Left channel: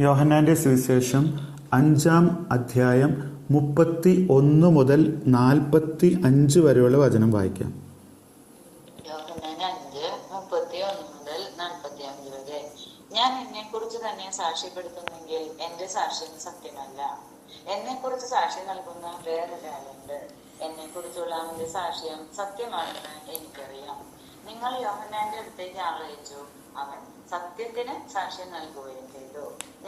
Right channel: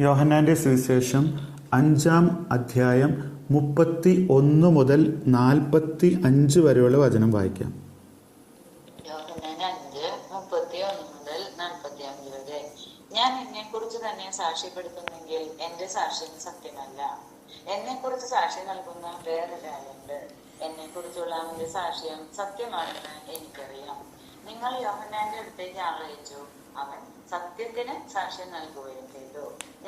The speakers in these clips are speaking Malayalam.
യോഹന്നാന്റെ സുവിശേഷം അഞ്ചാം അധ്യായം മുപ്പത്തി ഒന്ന് മുതൽ നാൽപ്പത്തി അഞ്ച് വരെയുള്ള വചനം വായിക്കാം. ഞാൻ തന്നെ സാക്ഷ്യപ്പെടുത്തുന്നെങ്കിൽ സാക്ഷ്യം സത്യമല്ല. സാക്ഷ്യം സത്യമാണെന്ന് എനിക്കറിയാം. നിങ്ങൾ യോഹന്നാന്റെ അടുത്തേക്ക് ആളയച്ചു. അവൻ സത്യത്തിന് സാക്ഷ്യം നൽകുകയും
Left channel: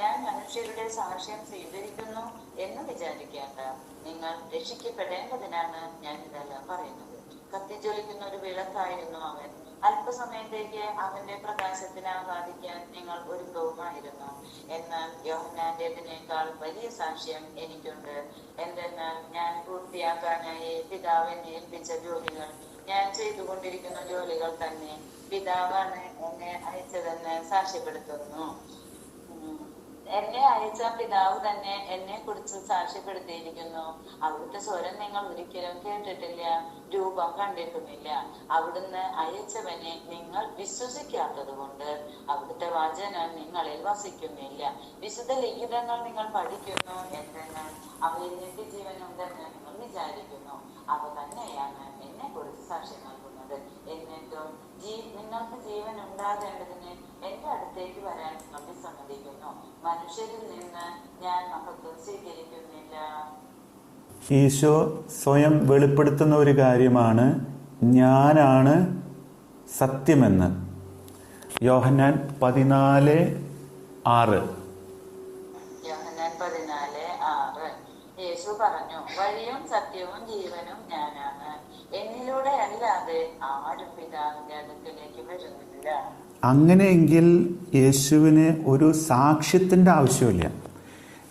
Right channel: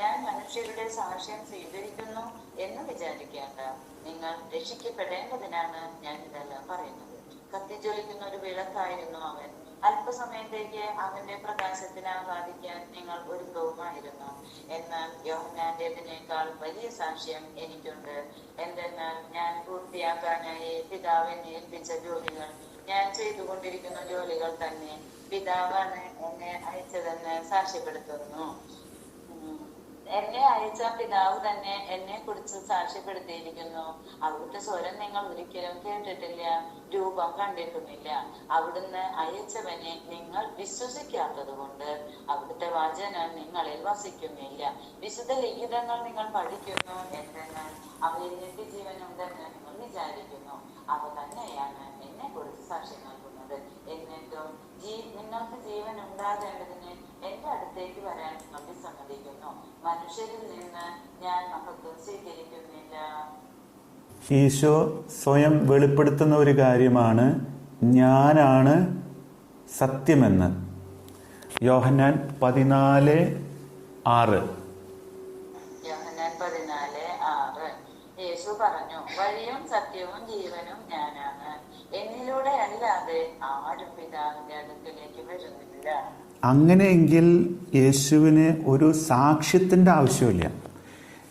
ഞാൻ മനുഷ്യരുടെ സാക്ഷ്യം സ്വീകരിക്കുന്നു എന്ന് വിചാരിക്കേണ്ട. നിങ്ങൾ രക്ഷിക്കപ്പെടേണ്ടതിനാണ് ഞാൻ ഇതെല്ലാം പറയുന്നത്. കത്തിജ്വലിക്കുന്ന ഒരു വിളക്കായിരുന്നു അവൻ. അല്പസമയത്തേക്ക് അവന്റെ പ്രകാശത്തിന് ആഹ്ലാദിക്കാൻ നിങ്ങൾ ഒരുക്കവുമായിരുന്നു എന്നാൽ യോഹനാന്റേതിനേക്കാൾ വലിയ സാക്ഷ്യം എനിക്കുണ്ട്. എന്തെന്നാൽ ഞാൻ പൂർത്തിയാക്കാനായി പിതാവിനെ ഏൽപ്പിച്ച ജോലികൾ ഞാൻ ചെയ്തുകൊണ്ടിരിക്കുന്ന ജോലികൾ തന്നെ പിതാവാണ് എന്നെ അയച്ചതെന്ന് സാക്ഷ്യപ്പെടുത്തുന്നു. എന്നെ അയച്ച പിതാവ് തന്നെ എന്നെ കുറിച്ച് സാക്ഷ്യപ്പെടുത്തിയിരിക്കുന്നു. അവിടുത്തെ സ്വരം നിങ്ങൾ ഒരിക്കലും കേട്ടിട്ടില്ല രൂപം കണ്ടിട്ടുമില്ല. അവിടുന്ന് അയച്ചവനെ നിങ്ങൾ വിശ്വസിക്കാത്തത് കൊണ്ട് അവിടുത്തെ വചനം നിങ്ങളിൽ വസിക്കുന്നില്ല. വിശുദ്ധ ലിഖിതങ്ങൾ നിങ്ങൾ പഠിക്കുന്നു എന്തെന്നാൽ അവയിൽ നിത്യജീവനുണ്ടെന്ന് നിങ്ങൾ വിചാരിക്കുന്നു. ഈശോ സ്വയം വെളിപ്പെടുത്തുന്ന ഒരു കാര്യമാണ് ഞാനാണ് സത്യമെന്ന്. യോഹന്നാൻ പതിനാല് ആറ്. അങ്ങനെയെങ്കിൽ യേശുവിന് ഒരു സാക്ഷ്യത്തിന്റെ ആവശ്യമില്ല.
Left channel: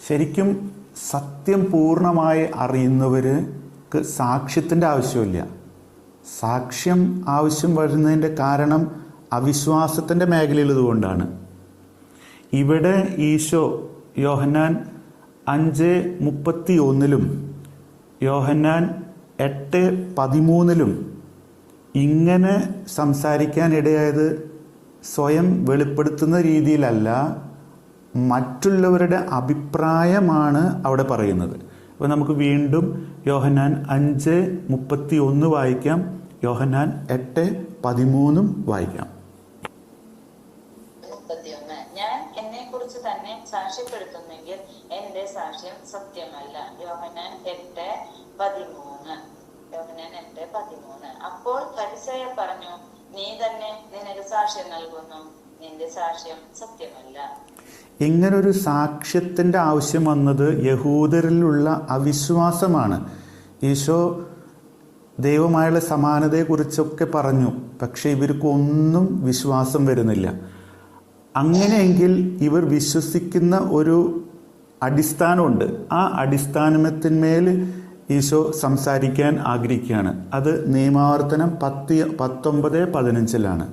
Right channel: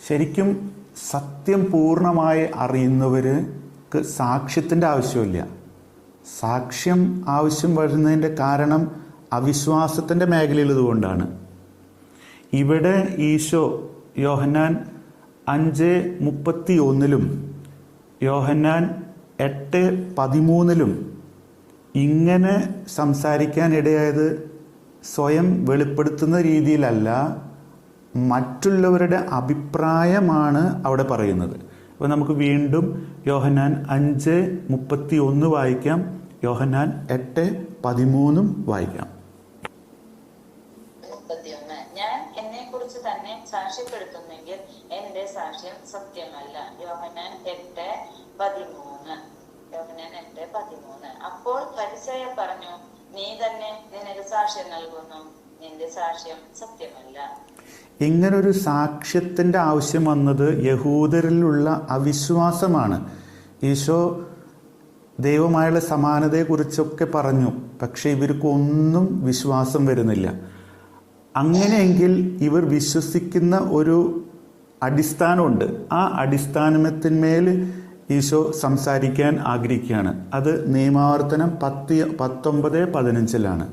ശരിക്കും സത്യം പൂർണമായി അറിയുന്നവർക്ക് സാക്ഷ്യത്തിന്റെ ആവശ്യമില്ല. സാക്ഷ്യം ആവശ്യം വരുന്നതിന്റെ കാരണം അവിശ്വാസത്തിന്റെ മേഖലയിലതുകൊണ്ടാണ് ഇവിടെ ഈശോ യോഹന്നാൻ അഞ്ച് മുപ്പത്തി ഒന്നിലും യോഹന്നാൻ എട്ട് പതിമൂന്നിലും ഇങ്ങനെ സംസാരിക്കാനിടയായത് സ്വയം വെളിപ്പെടുത്തുന്ന രീതിയിലല്ല മറ്റുള്ളവരുടെ അഭിപ്രായമാണ് അവിടെ പറയുന്നത്. അപ്പോൾ നമുക്ക് വീണ്ടും യോഹന്നാൻ അഞ്ച് മുപ്പത്തി ഒന്ന് വായിക്കാം. യോഹന്നാൻ എട്ട് പതിമൂന്നും. വായിക്കാം അപ്പോൾ പറഞ്ഞു നീ തന്നെ സാക്ഷ്യം നൽകുന്നു. നിന്റെ സാക്ഷ്യം സത്യമല്ല ഇങ്ങനൊരു സാക്ഷ്യത്തിന്റെ ആവശ്യം വന്നത് യഹൂദരിലുള്ള അവിശ്വാസമാണ്. ഈശോ ദൈവമായുള്ള സമാനതയെക്കുറിച്ചൊക്കെ പറഞ്ഞു പക്ഷെ ഇവർക്കൊന്നും വിശ്വാസം വരുന്നില്ല. അങ്ങനെയെങ്കിൽ ഇവർ വിശ്വസിക്കുന്ന ഒരു അടിസ്ഥാനമുണ്ട്. ആ അടിസ്ഥാനത്തിന്മേൽ ഈശോ സംസാരിക്കാൻ ആഗ്രഹിക്കുകയാണ്. അത് നിയമാവർത്തനം പത്തി പത്തൊമ്പത് പതിനഞ്ചിലാണ്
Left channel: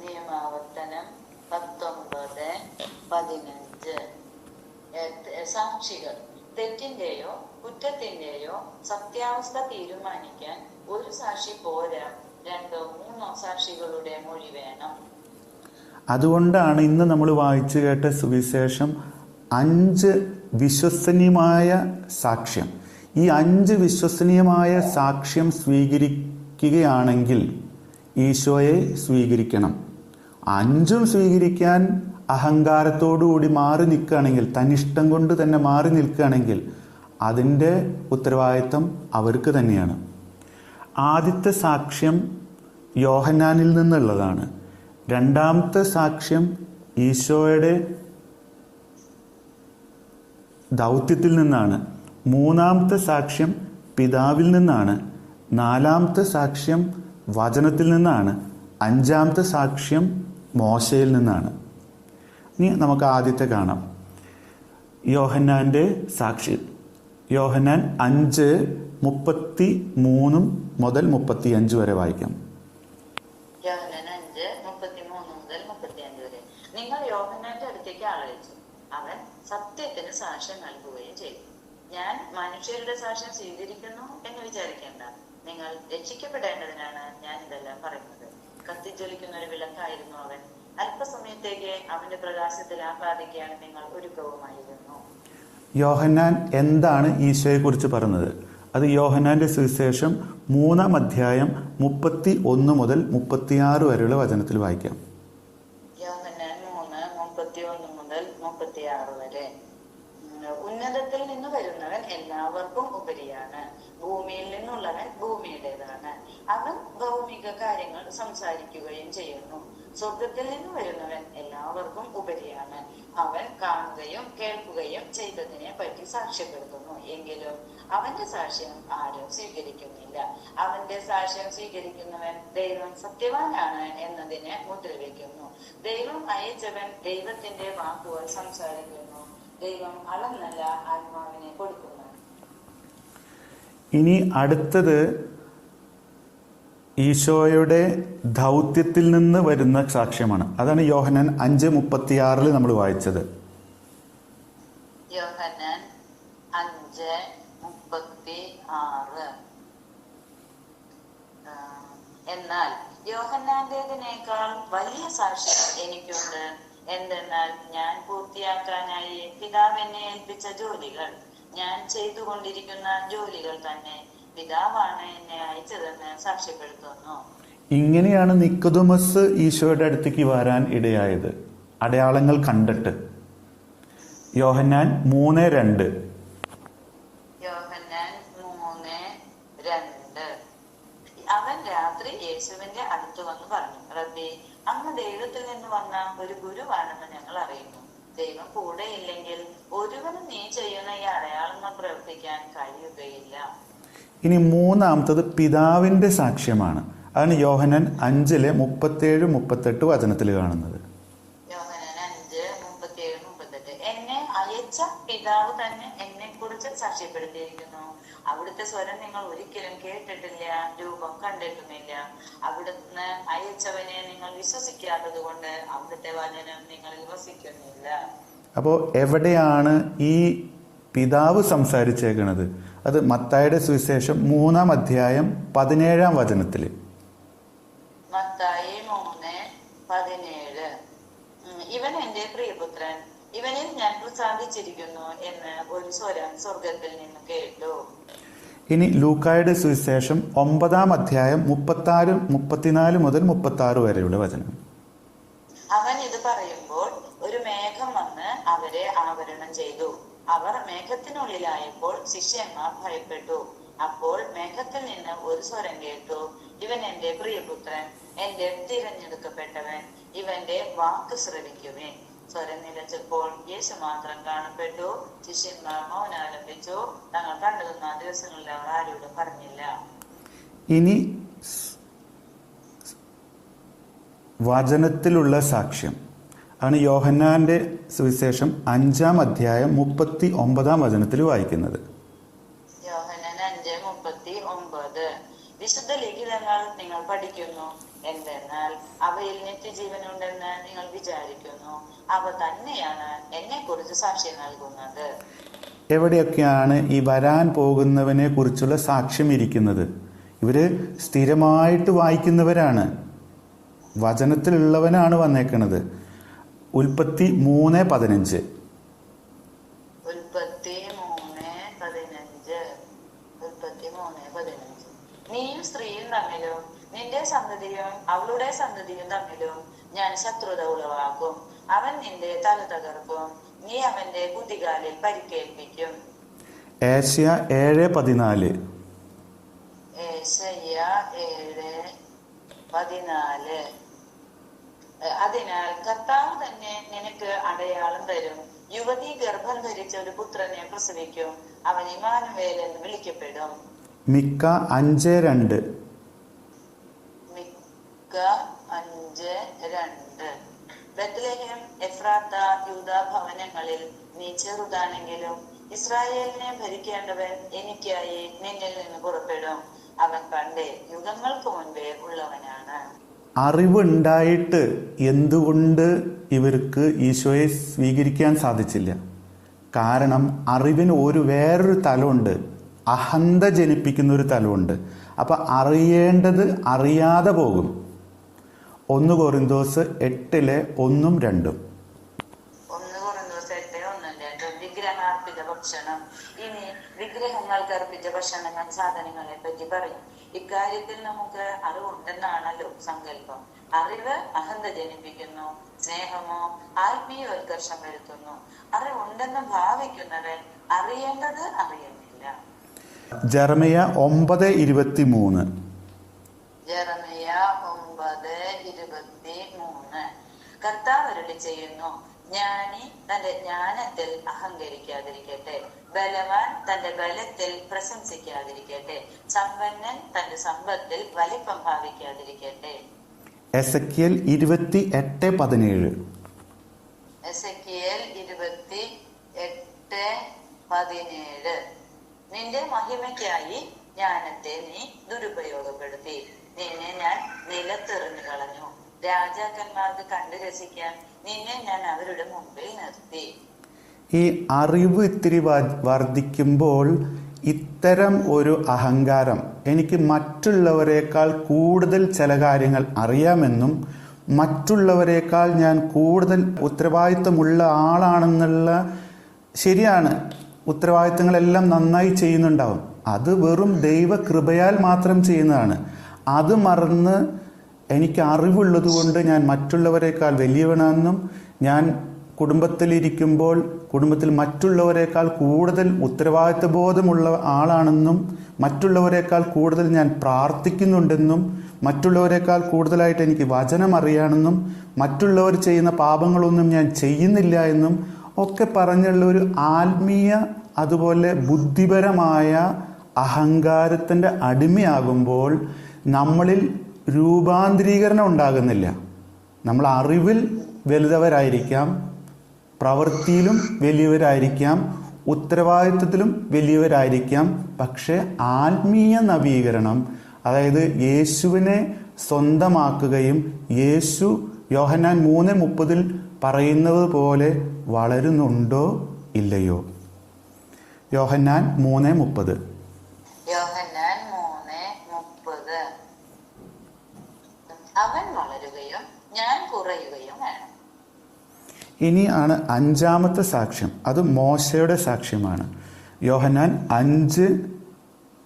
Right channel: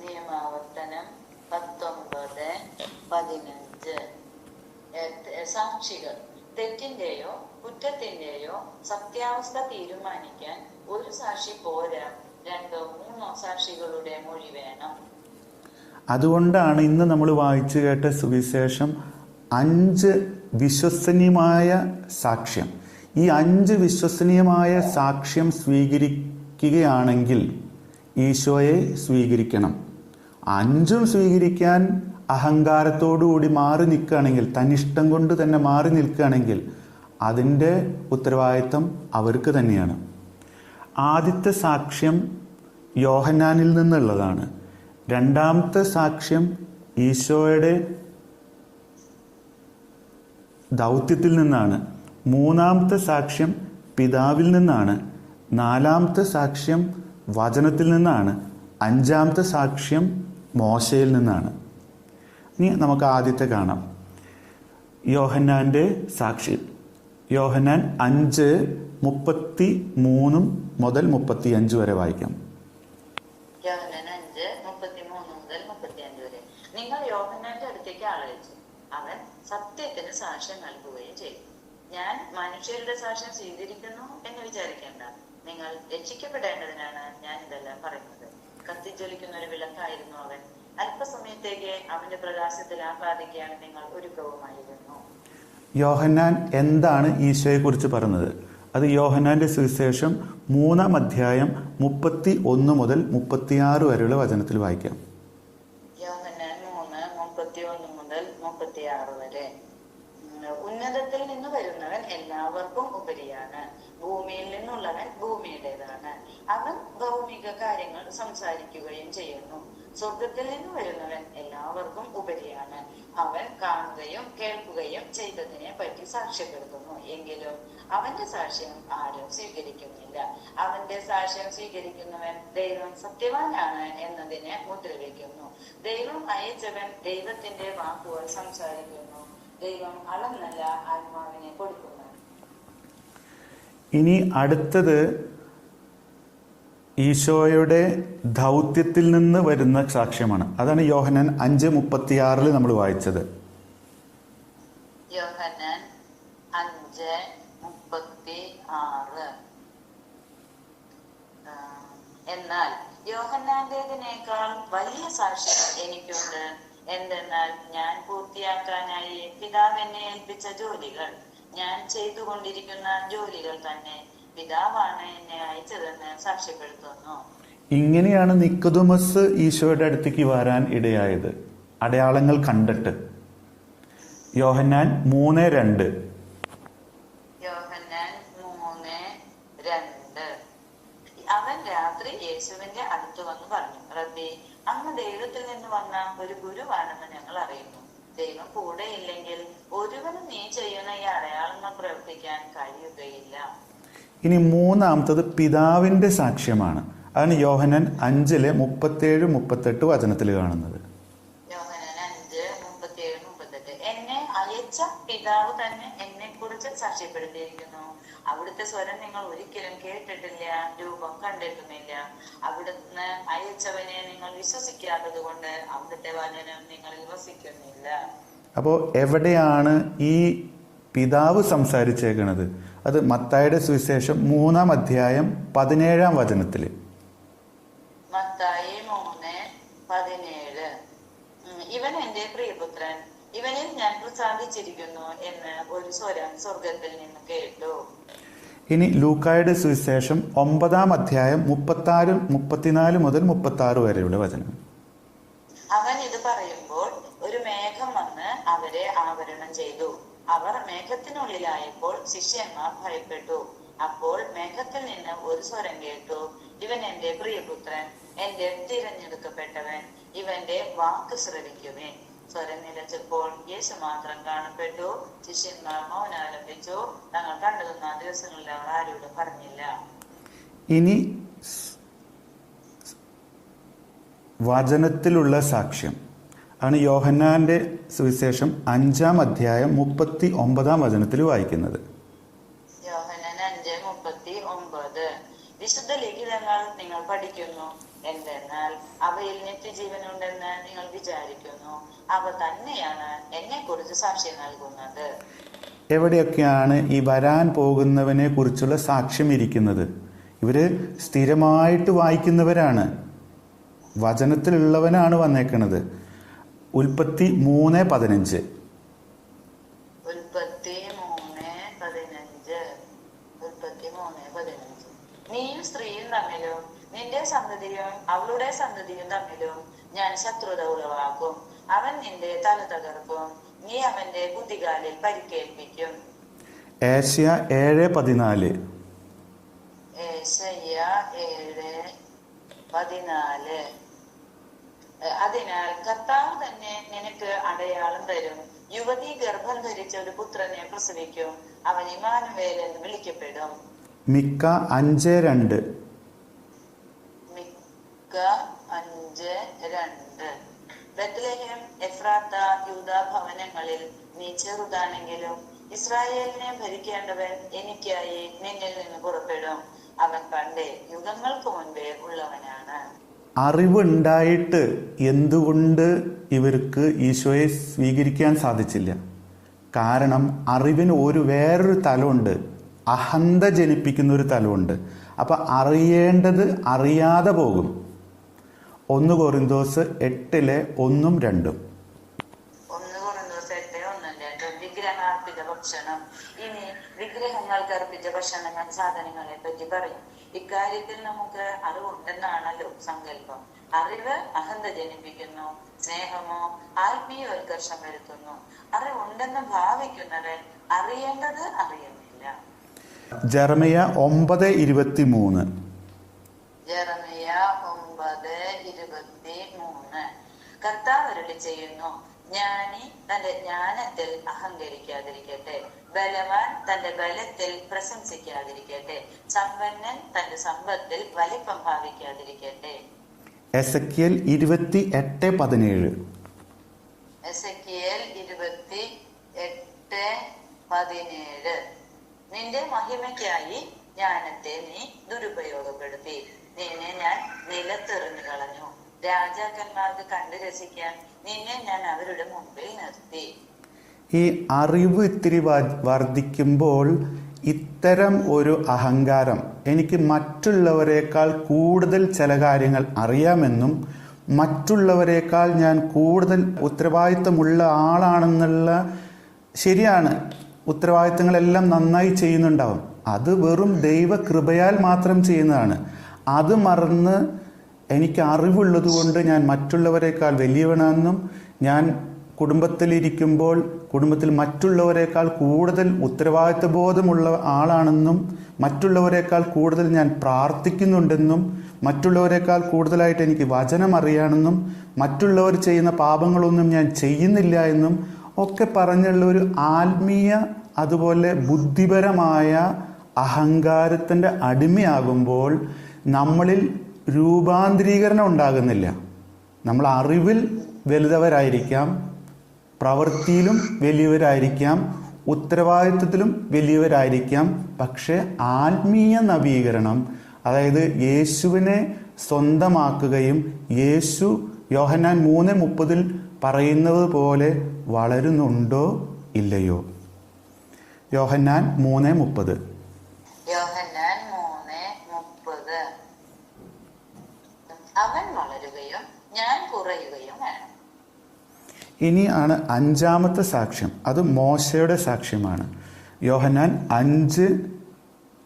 നിയമാവർത്തനം പത്തൊമ്പത് പതിനഞ്ച് ഏ, സാക്ഷികൾ തെറ്റിന്റെയോ കുറ്റത്തിന്റെയോ സത്യാവസ്ഥ തീരുമാനിക്കാൻ ഒരു സാക്ഷി പോരാ രണ്ടോ മൂന്നോ സാക്ഷികളുടെ മൊഴി വേണം അതുകൊണ്ടാണ് ഇന്ന് നമ്മൾ വായിച്ചു കേട്ട സുവിശേഷം അഞ്ച് വിശ്വസനീയമായ സാക്ഷ്യം. ഈ അഞ്ച് വിശ്വസനീയമായ സാക്ഷ്യം സ്വീകരിക്കുകയാണെങ്കിൽ ഈശോയെ സ്വീകരിക്കണം. അഞ്ചും സ്വീകരിക്കാൻ അഹങ്കാരത്തോടുകൂടി മാറി നിൽക്കുകയാണെങ്കിൽ തന്നിഷ്ടം കൊണ്ട് തന്നെ മാറി നിൽക്കുകയാണെങ്കിൽ അതിന്റെ ഉത്തരവാദിത്തം അവർക്ക് തന്നെയാണ്. ആദ്യത്തെ സാക്ഷ്യം യോഹന്നാനിൽ നിന്നുള്ളതാണ്. രണ്ടാമത്തെ സാക്ഷ്യം ഈശോയുടെ ദൗത്യത്തിൽ നിന്നാണ്. മൂന്നാമത്തെ സാക്ഷ്യം പിതാവിൽ നിന്നാണ്. നാലാമത്തെ സാക്ഷ്യം വചനത്തിൽ നിന്നാണ്. അഞ്ചാമത്തെ സാക്ഷ്യം മോശയിൽ നിന്നാണ്. ഇനി നമുക്ക് ആദ്യത്തെ കാണാം. യോഹന്നാന്റെ സാക്ഷി യോഹന്നാൻ അഞ്ച് മുപ്പത്തി മൂന്നും മുതൽ മുപ്പത്തി അഞ്ച് വരെ വായിക്കാം യോഹന്നാൻ അഞ്ച് മുപ്പത്തിമൂന്ന് മുതൽ മുപ്പത്തിയഞ്ച് വരെ നിങ്ങൾ യോഹന്നാന്റെ അടുത്തേക്ക് ആളയച്ചു അവൻ സത്യത്തിന് സാക്ഷ്യം ചെയ്തു. ഞാൻ മനുഷ്യരുടെ സാക്ഷ്യം സ്വീകരിക്കുന്നു എന്ന് വിചാരിക്കേണ്ട. നിങ്ങൾ രക്ഷിക്കപ്പെടേണ്ടതിനാണ് ഞാൻ ഇതെല്ലാം പറയുന്നത്. കത്തിജ്വലിക്കുന്ന ഒരു വിളക്കായിരുന്നു അവൻ. അല്പസമയത്തേക്ക് അവന്റെ പ്രകാശത്തിൽ ആഹ്ലാദിക്കാൻ നിങ്ങൾ ഒരുക്കവുമായിരുന്നു. യോഹന്നാൻ എന്താണ് ഈശോയെ കുറിച്ച് പറഞ്ഞത്? അത് യോഹന്നാന്റെ സുവിശേഷം മൂന്നാം അധ്യായം മുപ്പത്തി ഒന്ന് മുതൽ മുപ്പത്തിയാറ് വരെയുള്ള വചനത്തിൽ വായിക്കാം യോഹന്നാൻ മൂന്ന് മുപ്പത്തി ഒന്ന് മുതൽ മുപ്പത്തിയാറ് വരെ ഉം, ഉന്നതത്തിൽ നിന്ന് വരുന്നവൻ എല്ലാവർക്കും ഉപരിയാണ് ഭൂമിയിൽ നിന്നുള്ളവൻ ഭൂമിയുടേതാണ് അവൻ ഭൗമിക കാര്യങ്ങൾ സംസാരിക്കുകയും ചെയ്യുന്നു സ്വർഗത്തിൽ നിന്ന് വരുന്നവൻ എല്ലാവർക്കും ഉപരിയാണ്. അവൻ കാണുകയും കേൾക്കുകയും ചെയ്തതിനെ പറ്റി സാക്ഷ്യപ്പെടുത്തുന്നു. എങ്കിലും അവന്റെ സാക്ഷ്യം ആരും സ്വീകരിക്കുന്നില്ല. അവന്റെ സാക്ഷ്യം സ്വീകരിക്കുന്നവൻ ദൈവം സത്യവാനാണ് എന്നതിനെ മുദ്രവെക്കുന്നു. ദൈവം അയച്ചവൻ ദൈവത്തിന്റെ വാക്കുകൾ സംസാരിക്കുന്നു. ദൈവം അളന്നല്ല ആത്മാവിനെ കൊടുക്കുന്നു. ഇനി അടുത്തത് ഈശോയുടെ ദൗത്യത്തിൽ നിന്ന് വരുന്ന സാക്ഷ്യമാണ്. അതാണ് യോഹനൻ അഞ്ച് മുപ്പത്തിയാറിൽ നമ്മൾ വായിച്ചത്. വലിയ എന്തെന്നാൽ ഞാൻ ജോലികൾ ഞാൻ ചെയ്തുകൊണ്ടിരിക്കുന്ന ജോലികൾ തന്നെ പിതാവാണ് എന്നെ അയച്ചതെന്ന് സാക്ഷ്യപ്പെടുത്തുന്നു. ഇങ്ങനെയാണ് നിക്കതുമസ് ഈശോയുടെ അടുത്തേക്ക് വരാൻ ഇടയായത്. അടയാളങ്ങൾ കണ്ടിട്ട്. യോഹന്നാൻ മൂന്ന് രണ്ട്. അവൻ രാത്രി യേശുവിന്റെ അടുത്ത് വന്ന് പറഞ്ഞു റബ്ബി അങ്ങ് ദൈവത്തിൽ നിന്ന് വന്ന ഒരു ഗുരുവാണെന്ന് ഞങ്ങൾ അറിയുന്നു. ദൈവം കൂടെ ഇല്ലെങ്കിൽ ഒരുവനും നീ ചെയ്യുന്ന ഈ അടയാളങ്ങൾ പ്രവർത്തിക്കാൻ കഴിയുകയില്ല. ഇനി മൂന്നാമത്തത് പിതാവിന്റെ സാക്ഷ്യമാണ്. അതാണ് യോഹനൻ അഞ്ചിലെ മുപ്പത്തേഴ് മുപ്പത്തെട്ട് വചനത്തിൽ കാണുന്നത്. അപ്പോ അപ്പോൾ എവിടെയാണ് ഈ പിതാവ് സംസാരിച്ചേക്കണത്? അത് മത്തായുടെ സുവിശേഷം മൂന്നാം അധ്യായം പതിനേഴാം വചനത്തിൽ. മത്തായി മൂന്ന് പതിനേഴ്. ഉം, ഇവൻ എന്റെ പ്രിയപുത്രൻ ഇവനിൽ ഞാൻ പ്രസാദിച്ചിരിക്കുന്നു എന്ന് ഒരു സ്വരം സ്വർഗത്തിൽ നിന്ന് കേട്ടു. ഇനി ലൂക്കായുടെ സുവിശേഷം ഒമ്പതാം അധ്യായം മുപ്പത്തി ആറ് മുപ്പത്തിനാല് മുതൽ മുപ്പത്തി ആറ് വരെയുള്ള വചനം അവൻ ഇത് പറയുമ്പോൾ ഒരു മേഘം വന്ന് അവരെ ആവരണം ചെയ്തു അവർ മേഘത്തിനുള്ളിലായപ്പോൾ ശിഷ്യന്മാർ ഭയപ്പെട്ടു. അപ്പോൾ മേഘത്തിൽ നിന്ന് ഒരു സ്വരം കേട്ടു ഇവൻ എന്റെ പ്രിയപുത്രൻ എന്റെ തിരഞ്ഞെടുക്കപ്പെട്ടവൻ ഇവന്റെ വാക്ക് ശ്രവിക്കുമേ സ്വരം നിലച്ചപ്പോൾ യേശു മാത്രം കാണപ്പെട്ടു. ശിഷ്യന്മാർ മൗനാരംഭിച്ചു തങ്ങൾ കണ്ടതെന്ന ദിവസങ്ങളിൽ അവർ ആരോടും പറഞ്ഞില്ല. ഇനി വചനത്തിലുള്ള സാക്ഷ്യം. ആണ് യോഹന്നാന്റെ സുവിശേഷം അഞ്ചാം അധ്യായം മുപ്പത്തി ഒമ്പതാം വചനത്തിൽ വായിക്കുന്നത്. വിശുദ്ധ ലിഖിതങ്ങൾ നിങ്ങൾ പഠിക്കുന്നു. എന്തെന്നാൽ അവയിൽ നിത്യജീവനുണ്ടെന്ന് നിങ്ങൾ വിചാരിക്കുന്നു. അവ തന്നെയാണ് എന്നെ കുറിച്ച് സാക്ഷി നൽകുന്നത്. എവിടെയൊക്കെയാണ് ഈ വരാൻ പോകുന്നവനെ കുറിച്ചുള്ള സാക്ഷ്യം ഇരിക്കുന്നത്? ഇവർ സ്ഥിരമായിട്ട് വായിക്കുന്നവരാണ്. വചനത്തിലുള്ളവനാണ് വന്നേക്കണത്. ഉൽപ്പത്തി മൂന്ന് പതിനഞ്ച്. നീയും സ്ത്രീയും തമ്മിലും നിന്റെ സന്തതിയും അവളുടെ സന്തതിയും തമ്മിലും ഞാൻ ശത്രുത ഉളവാക്കും. അവൻ നിന്റെ തല തകർക്കും. നീ അവന്റെ കുതികാലിൽ പരിക്കേൽപ്പിക്കും. ഏഷ്യ ഏഴ് പതിനാല് ഏശയ്യ ഏഴ് പതിനാല് ഏ, അതിനാൽ കർത്താവ് തന്നെ നിനക്ക് അടയാളം തരും യുവതി ഗർഭം ധരിച്ച ഒരു പുത്രനെ പ്രസവിക്കും. അവൻ ഇമാനുവേൽ എന്ന് വിളിക്കപ്പെടും. മിക്ക അഞ്ച് രണ്ട്. മിക്ക അഞ്ച് രണ്ട്. ബത്ലഹേം എഫ്രാത്ത യൂത ഭവനങ്ങളിൽ നീ ചെറുതാണെങ്കിലും ഇസ്രായേലിനെ ഭരിക്കേണ്ടവൻ എനിക്കായി നിന്നിൽ നിന്ന് പുറപ്പെടും. അവൻ പണ്ടേ യുഗങ്ങൾക്ക് മുൻപേ ഉള്ളവനാണ്. അറിവുണ്ടായിട്ട് എന്തുകൊണ്ട് ഇവർക്ക് ഈശോയെ സ്വീകരിക്കാൻ സാധിച്ചില്ല? കാരണം അറിവിന് ഒരു വേറൊരു തലമുണ്ട്. അഹന്ത ജനിപ്പിക്കുന്ന ഒരു തലമുണ്ട്. അപ്പൊ അറിയേണ്ടത് അറിയാതെ പോകും. ഒന്ന് കൊറിന്തോസ് എട്ടിലെ ഒന്നും രണ്ടും. ഭക്ഷണം. ഇനി വിഗ്രഹങ്ങൾക്ക് അർപ്പിച്ച ഭക്ഷണങ്ങൾ സാധനങ്ങളെ പറ്റി പറയും. ഇക്കാര്യത്തിൽ നമുക്ക് അറിവുണ്ടെന്നാണല്ലോ സങ്കല്പം. അറിവ് അഹന്ത ജനിപ്പിക്കുന്നു. സ്നേഹമോ ആത്മീയവൽക്കർഷം വരുത്തുന്നു. അറിവുണ്ടെന്ന് ഭാവിക്കുന്നവൻ അറിയേണ്ടത് അറിയുന്നില്ല. ജെറമിയ ഒമ്പത് ഇരുപത്തി മൂന്ന് ജെറമിയ ഒമ്പത് ഇരുപത്തി മൂന്ന് കർത്താവ് അരുളി ചെയ്യുന്നു ജ്ഞാനി തന്റെ ജ്ഞാനത്തിൽ അഹങ്കരിക്കാതിരിക്കട്ടെ. ബലവാൻ തന്റെ ബലത്തിൽ പ്രശംസിക്കാതിരിക്കട്ടെ. സമ്പന്നൻ തന്റെ സമ്പത്തിൽ വലിപ്പം ഭാവിക്കാതിരിക്കട്ടെ. എസക്കിയൽ ഇരുപത്തി എട്ട് പതിനേഴ് എസക്കിയേൽ ഇരുപത്തി എട്ട് പതിനേഴ് നിന്റെ മഹിമയ്ക്കായി ജ്ഞാനത്തെ നീ ദുരുപയോഗപ്പെടുത്തി. നിന്നെ ഞാൻ നിലത്തെറിഞ്ഞു കളഞ്ഞു. രാജാക്കന്മാർക്ക് കണ്ടു രസിക്കാൻ നിന്നെ ഞാൻ അവരുടെ മുമ്പിൽ നിർത്തി. ഈ അറിവ് ഇത്തിരി വർദ്ധിക്കുമ്പോൾ ഇത്തരം ഒരു അഹങ്കാരം എനിക്ക് മറ്റുള്ളവരെക്കാൾ കൂടുതൽ ചില കാര്യങ്ങൾ അറിയാമെന്നും മറ്റുള്ളവരെക്കാൾ ഞാൻ കൂടുതൽ ഉത്തരവാദിത്തമുള്ള ആളാണെന്നുള്ള ശരിയാണ്. ഉത്തരവാദിത്തങ്ങളെല്ലാം നന്നായി ചെയ്യുന്നുണ്ടാവും. അത് വെറും ദൈവകൃപയാൽ മാത്രം ചെയ്യുന്നതാണ്. അത് മറന്ന് എനിക്ക് അറിവുള്ളത് കൊണ്ട് ഞാൻ മറ്റുള്ളവരെക്കാൾ വലിയവനാണെന്നും ഞാൻ കുടുംബത്തിലിരിക്കുമ്പോൾ കുടുംബത്തിൽ മറ്റുള്ളവരെക്കാൾ കൂടുതൽ ഉത്തരവാദിത്വബോധമുള്ള ആളാണെന്നും മറ്റുള്ളവരെക്കാൾ കൂടുതൽ ഞാൻ പ്രാർത്ഥിക്കുന്നുണ്ടെന്നും മറ്റുള്ളവരെക്കാൾ കൂടുതലായിട്ട് എനിക്ക് വചനം അറിയാണെന്നും മറ്റുള്ളവർ ചെയ്യുന്ന പാപങ്ങളൊന്നും ഞാൻ ചെയ്യുന്നില്ല എന്നും ഒക്കെ പറഞ്ഞുള്ള ഒരു ആത്മീയ അതുപോലെ ബുദ്ധിപരമായ അഹങ്കാരത്തിന്റെ അടിമയാകുമ്പോൾ നമ്മളിൽ രൂപാന്തരീകരണം ഉണ്ടാകുന്നില്ല. നമ്മൾ അറിവിൽ വലുതവരായിരിക്കാം പ്രവൃത്തിയിലും വലിയവരായിരിക്കാം ഉത്തരവാദിത്വത്തിലും വലിയവരായിരിക്കാം. പക്ഷേ ആത്മീയ നവീകരണം അതായത് യേശുവിനെ സ്വന്തമാക്കുകയും യേശു യോഹന്നാൻ മൂന്ന് മുപ്പതിൽ പറയുന്നത് പോലെ വളരുന്നുണ്ടോ ഇല്ലയോ? യോഹന്നാൻ മൂന്ന് മുപ്പത് യോഹന്നാൻ മൂന്ന് മുപ്പത് അവൻ വളരുകയും ഞാൻ കുറയുകയും വേണം ഇനിയാണ് അഞ്ചാമത്തെ സാക്ഷ്യം. അത് മോശയുടെ സാക്ഷ്യമാണ്. യോഹന്നാൻ അഞ്ച്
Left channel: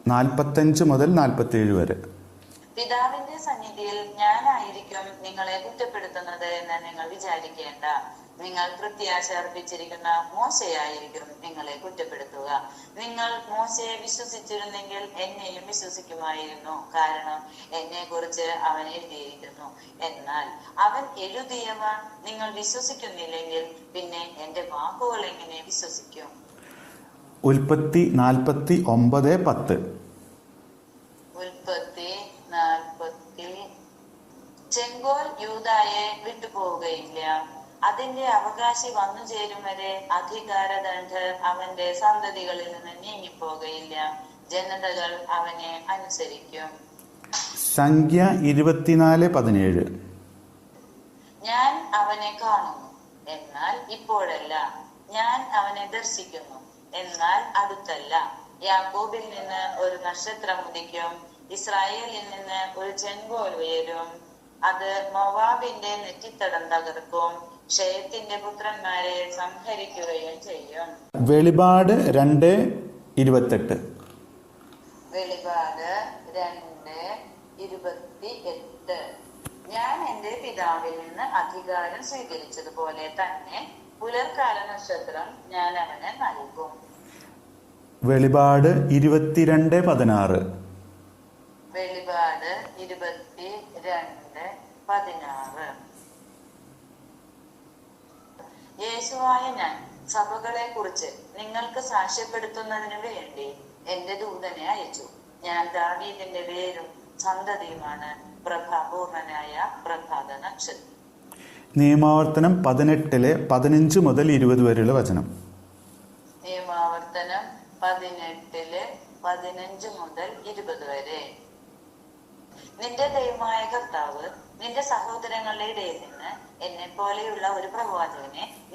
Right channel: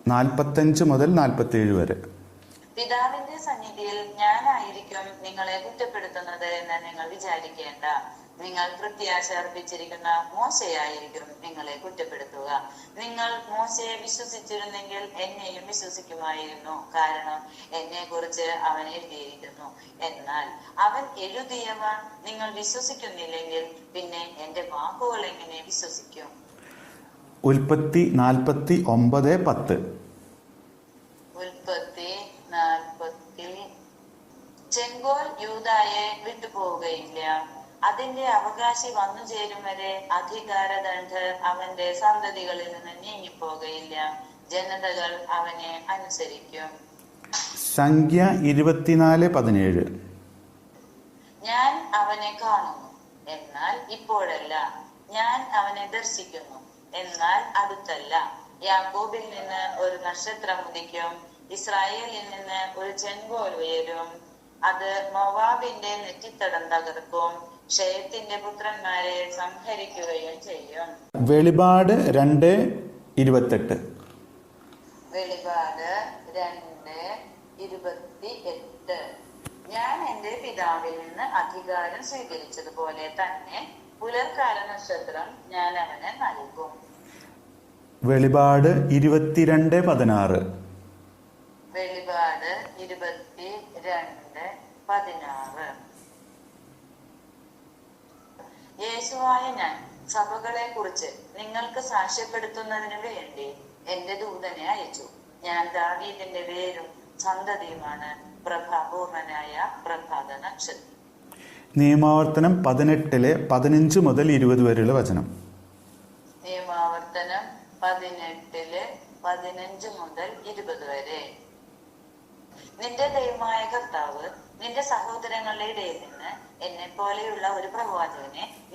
നാൽപ്പത്തഞ്ച് മുതൽ നാൽപ്പത്തേഴ് വരെ. പിതാവിന്റെ സന്നിധിയിൽ ഞാനായിരിക്കും നിങ്ങളെ കുറ്റപ്പെടുത്തുന്നത് എന്ന് നിങ്ങൾ വിചാരിക്കേണ്ട. നിങ്ങൾ പ്രത്യാശ അർപ്പിച്ചിരിക്കുന്ന മോശയായിരിക്കും നിങ്ങളെ കുറ്റപ്പെടുത്തുക. നിങ്ങൾ മോശയെ വിശ്വസിച്ചിരുന്നെങ്കിൽ എന്നെയും വിശ്വസിക്കുമായിരുന്നു. കാരണം എന്നെ കുറിച്ച് അവൻ എഴുതിയിരിക്കുന്നു. എന്നാൽ അവൻ എഴുതിയവ നിങ്ങൾ വിശ്വസിക്കുന്നില്ലെങ്കിൽ പിന്നെ എന്റെ വാക്കുകൾ എങ്ങനെ വിശ്വസിക്കും? ഉൽപ്പത്തി നാൽപ്പത്തി ഒമ്പത് പത്ത്. ഉൽപ്പത്തി നാൽപ്പത്തി ചെങ്കോൽ യൂതായെ വിട്ടുപോവുകയില്ല. അതിന്റെ അവകാശി വന്നു ചേരും വരെ അധികാരദണ്ഡ് അവന്റെ സന്തതികളിൽ നിന്ന് നീങ്ങിപ്പോകയില്ല. ജനതകൾ അവനെ അനുസരിക്കും. സംഖ്യ ഇരുപത്തിനാല് പതിനേഴ്. ഞാൻ അവനെ കാണുന്നു. എന്നാൽ ഇപ്പോഴല്ല. ഞാൻ അവനെ ദർശിക്കുന്നു. എന്നാൽ അടുത്തല്ല. യാക്കോബിൽ നിന്ന് ഒരു നക്ഷത്രം ഉദിക്കും. ഇസ്രായേലിൽ നിന്ന് ഒരു ചെങ്കോൽ ഉയരും. അത് മൊവാബിന്റെ നെറ്റിത്തടം തകർക്കും. ക്ഷയത്തിന്റെ പുത്രന്മാരെ സംഹരിക്കുകയും ചെയ്യും വെളിപാട് രണ്ട് ഇരുപത്തെട്ട്. വെളിപാട് രണ്ട് ഇരുപത്തി എട്ട് ഞാൻ എന്റെ പിതാവിൽ നിന്ന് അധികാരം സ്വീകരിച്ചതുപോലെ തന്നെ പുലർക്കാല നക്ഷത്രം ഞാൻ അവന് നൽകും. വെളിപാട് ഇരുപത്തിരണ്ട് പതിനാറ് വെളിപാട് ഇരുപത്തി രണ്ട് പതിനാറ് യേശുവായ ഞാൻ സഭകളെ കുറിച്ച് നിങ്ങൾക്ക് സാക്ഷ്യപ്പെടുത്തുന്നതിന് വേണ്ടി എന്റെ ദൂതനെ അയച്ചു. ഞാൻ ദാവീദിന്റെ വേരും സന്തതിയുമാണ് പ്രഭാപൂർണനായ പ്രഭാത നക്ഷത്രം നിയമാവർത്തനം പതിനെട്ടിലെ പതിനഞ്ച് മുതൽ ഇരുപത് വരെയുള്ള വചനം. നിയമാവർത്തനം പതിനെട്ടിലെ പതിനഞ്ച് മുതൽ ഇരുപത് വരെ. നിന്റെ ദൈവമായ കർത്താവ് നിന്റെ സഹോദരങ്ങളുടെ ഇടയിൽ നിന്ന് എന്നെ പോലെയുള്ള ഒരു പ്രവാചകനെ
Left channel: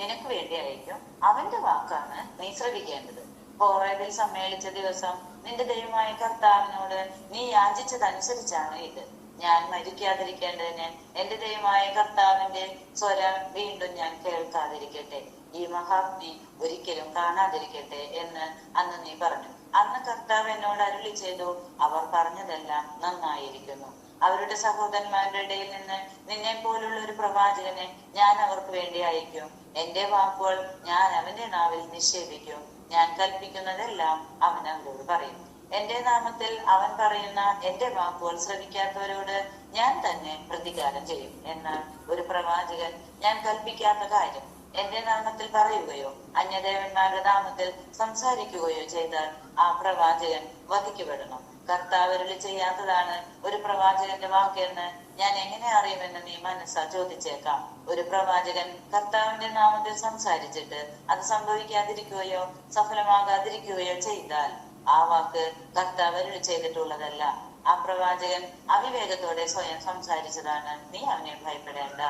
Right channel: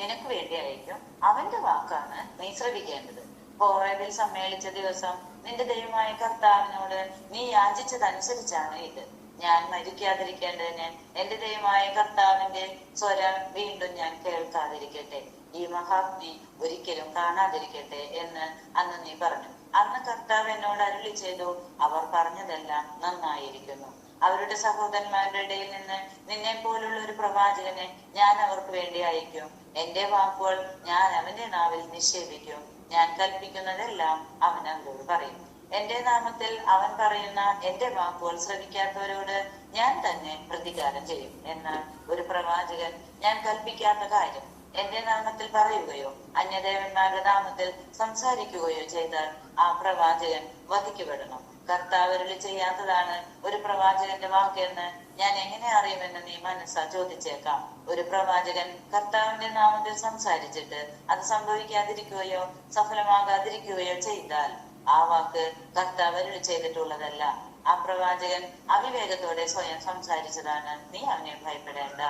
നിനക്ക് വേണ്ടി ആയിരിക്കും അവന്റെ വാക്കാണ് നീ ശ്രദ്ധിക്കേണ്ടത് കോറേബിൽ സമ്മേളിച്ച ദിവസം നിന്റെ ദൈവമായ കർത്താവിനോട് നീ യാചിച്ചതനുസരിച്ചാണ് ഇത്. ഞാൻ മരിക്കാതിരിക്കേണ്ടതിന് എന്റെ ദൈവമായ കർത്താവിന്റെ സ്വരം വീണ്ടും ഞാൻ കേൾക്കാതിരിക്കട്ടെ. ഈ മഹാഗ്നി ഒരിക്കലും കാണാതിരിക്കട്ടെ എന്ന് അന്ന് നീ പറഞ്ഞു. അന്ന് കർത്താവ് എന്നോട് അരുളി ചെയ്തു അവർ പറഞ്ഞതെല്ലാം നന്നായിരിക്കുന്നു. അവരുടെ സഹോദരന്മാരുടെ ഇടയിൽ നിന്ന് നിന്നെ പോലുള്ള ഒരു പ്രവാചകനെ ഞാൻ അവർക്ക് വേണ്ടി അയക്കും. എന്റെ വാക്കുകൾ ഞാൻ അവന്റെ നാവിൽ നിക്ഷേപിക്കും. ഞാൻ കൽപ്പിക്കുന്നതെല്ലാം അവൻ അവരോട് പറയും. എന്റെ നാമത്തിൽ അവൻ പറയുന്ന എന്റെ വാക്കുകൾ ശ്രവിക്കാത്തവരോട് ഞാൻ തന്നെ പ്രതികാരം ചെയ്യും എന്നാൽ ഒരു പ്രവാചകൻ ഞാൻ കൽപ്പിക്കാത്ത കാര്യം എന്റെ നാമത്തിൽ പറയുകയോ അന്യദേവന്മാരുടെ നാമത്തിൽ സംസാരിക്കുകയോ ചെയ്താൽ ആ പ്രവാചകൻ വധിക്കപ്പെടണം കർത്താവരുടെ ചെയ്യാത്തതാണ് ഒരു പ്രവാചകന്റെ വാക്കെന്ന് ഞാൻ എങ്ങനെ അറിയുമെന്ന് നീ മനസ്സാ ചോദിച്ചേക്കാം. ഒരു പ്രവാചകൻ കർത്താവിന്റെ നാമത്തിൽ സംസാരിച്ചിട്ട് അത് സംഭവിക്കാതിരിക്കുകയോ സഫലമാകാതിരിക്കുകയോ ചെയ്താൽ ആ വാക്ക് കർത്താവ് ചെയ്തിട്ടുള്ളതല്ല. ആ പ്രവാചകൻ അവിവേകത്തോടെ സ്വയം സംസാരിച്ചതാണ്. നീ അവനെ ഭയപ്പെടേണ്ട.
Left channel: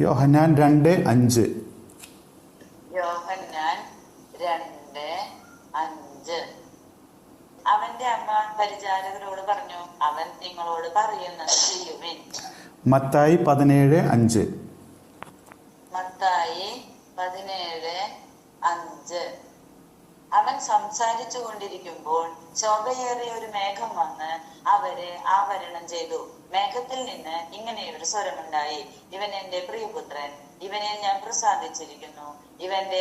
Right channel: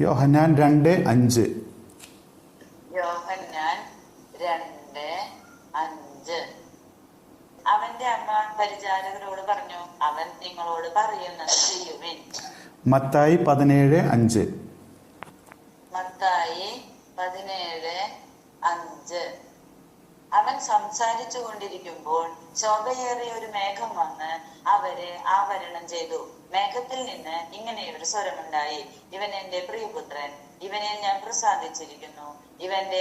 യോഹന്നാൻ രണ്ട് അഞ്ച്. യോഹന്നാൻ രണ്ട് അഞ്ച്. അവന്റെ അമ്മ പരിചാരകരോട് പറഞ്ഞു അവൻ നിങ്ങളോട് പറയുന്നത് ചെയ്യുവിൻ. മത്തായി പതിനേഴ് അഞ്ച് മത്തായി പതിനേഴ് അഞ്ച് അവൻ സംസാരിച്ചു കൊണ്ടിരിക്കുമ്പോൾ ശോഭയേറിയ ഒരു മേഘം വന്ന് അവരെ ആവരണം ചെയ്തു മേഘത്തിൽ നിന്ന് ഇങ്ങനെ ഒരു സ്വരമുണ്ടായി ഇവൻ എന്റെ പ്രിയപുത്രൻ ഇവനെ ഞാൻ പ്രസാദിച്ചിരിക്കുന്നു ഇവന്റെ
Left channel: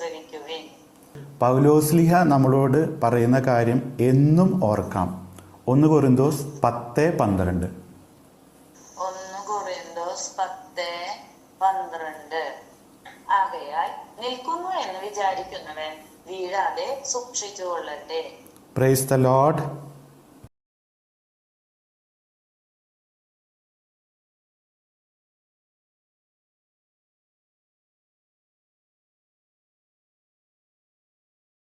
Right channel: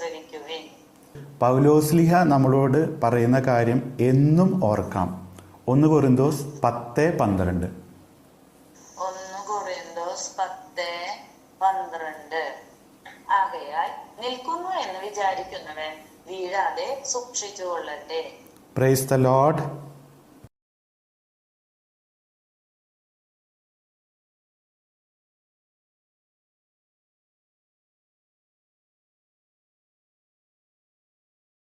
ശ്രവിക്കുവിൻ പൗലോസ്ലിഹ നമ്മളോട് പറയുന്ന കാര്യം എന്നും ഓർക്കാം. ഒന്ന് കൊറിന്തോസ് പത്ത് പന്ത്രണ്ട്. Praise the load